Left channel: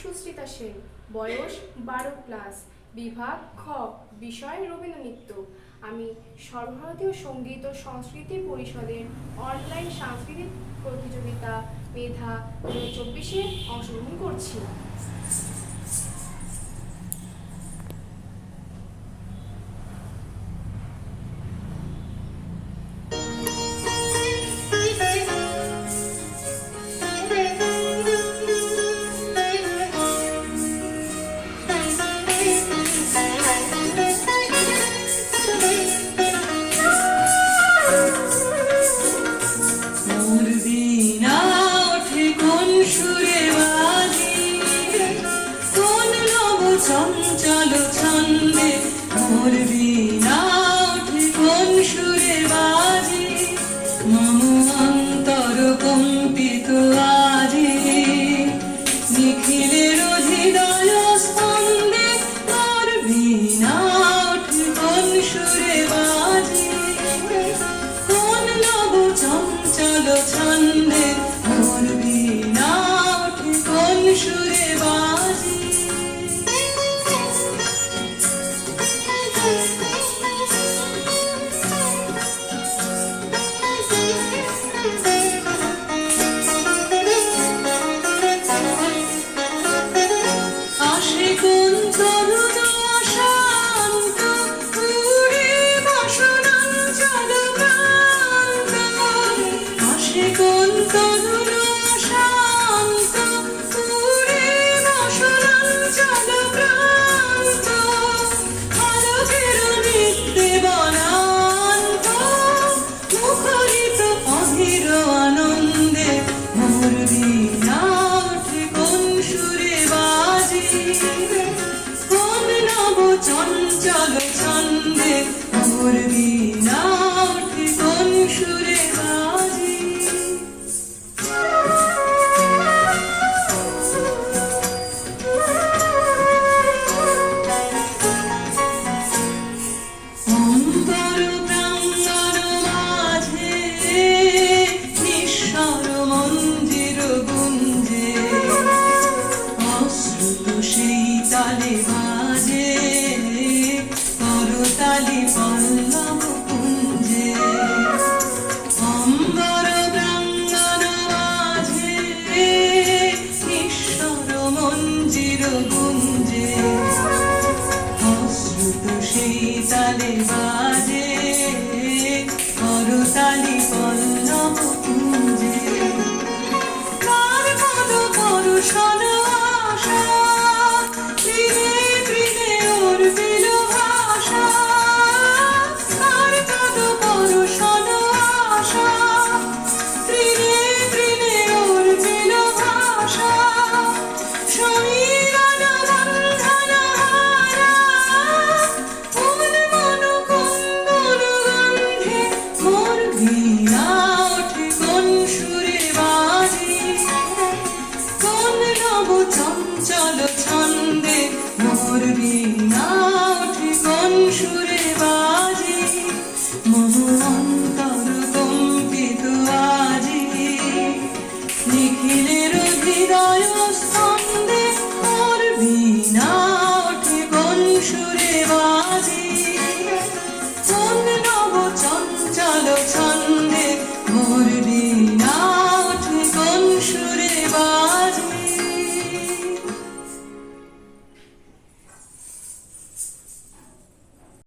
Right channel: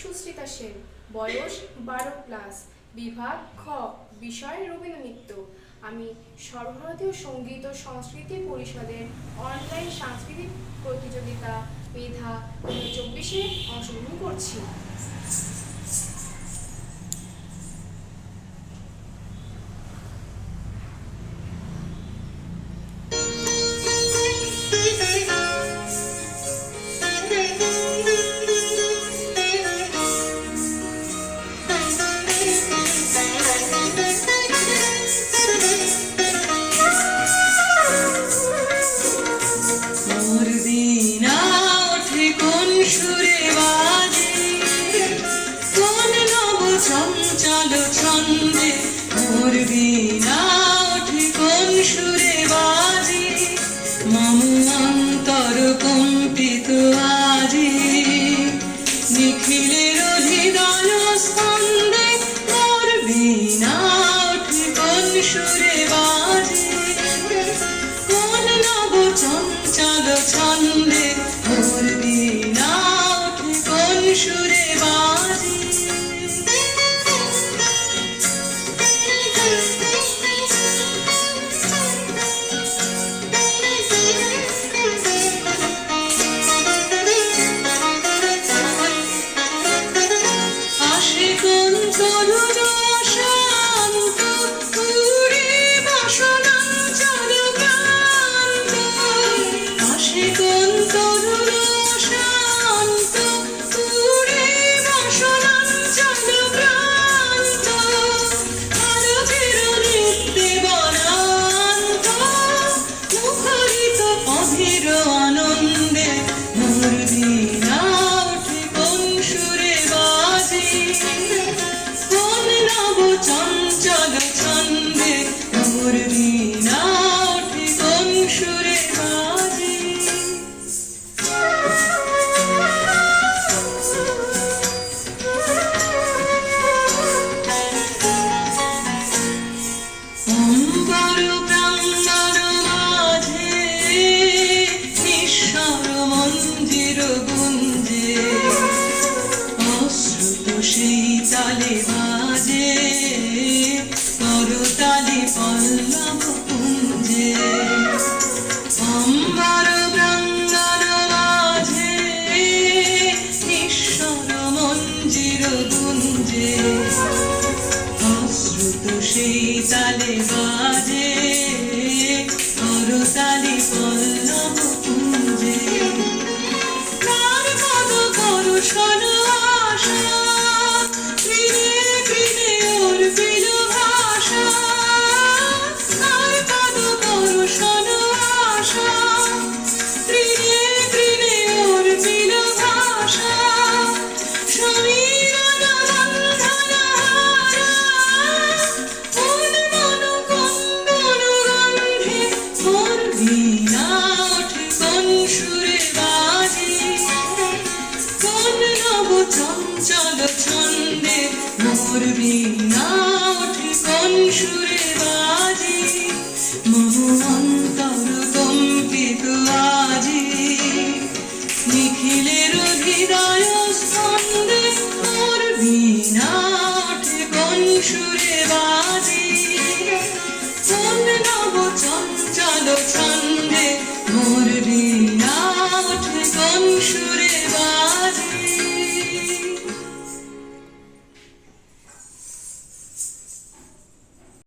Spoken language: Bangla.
সুস্মিতা সেন, বয়স 12+, বিভাগ খ, বিষয় রবীন্দ্রনৃত্য। আমি সর্বভারতীয় সঙ্গীত ও সংস্কৃতি পরিষদের অনলাইন সাংস্কৃতিক প্রতিযোগিতা মেধা 2024-এ অংশগ্রহণ করছি। চঞ্চল ছন্দে মোর বীণা ওঠে কোন সুরে বাজে, মম অন্তর কম্পিত আজি। নিখিলের হৃদয় স্পন্দে মোর বীণা ওঠে কোন সুরে বাজে, কোন নব চঞ্চল ছন্দে মোর বীণা ওঠে কোন সুরে বাজে। চঞ্চল ছন্দে মোর বীণা ওঠে কোন সুরে বাজে। অম্বর প্রাঙ্গণ মাঝে নিঃস্বর মঞ্জির গুঞ্জে, অশ্রুত সেই তালে বাজে করতালি পল্লব কুঞ্জে। অম্বর প্রাঙ্গণ মাঝে নিঃস্বর মঞ্জির গুঞ্জে, অশ্রুত সেই তালে বাজে করতালি পল্লব কুঞ্জে। কার পদ করুষণ আশা, ধীরে ধীরে ওর বিল ভাষা। কার পদ করুষণ আশা, ধীরে ধীরে ওর বিল ভাষা। সমীরণ বন্ধন হারা, উন্মন কুন্দর গন্ধে মোর বীণা ওঠে কোন সুরে বাজে, কোন নব চঞ্চল ছন্দে মোর বীণা ওঠে কোন সুরে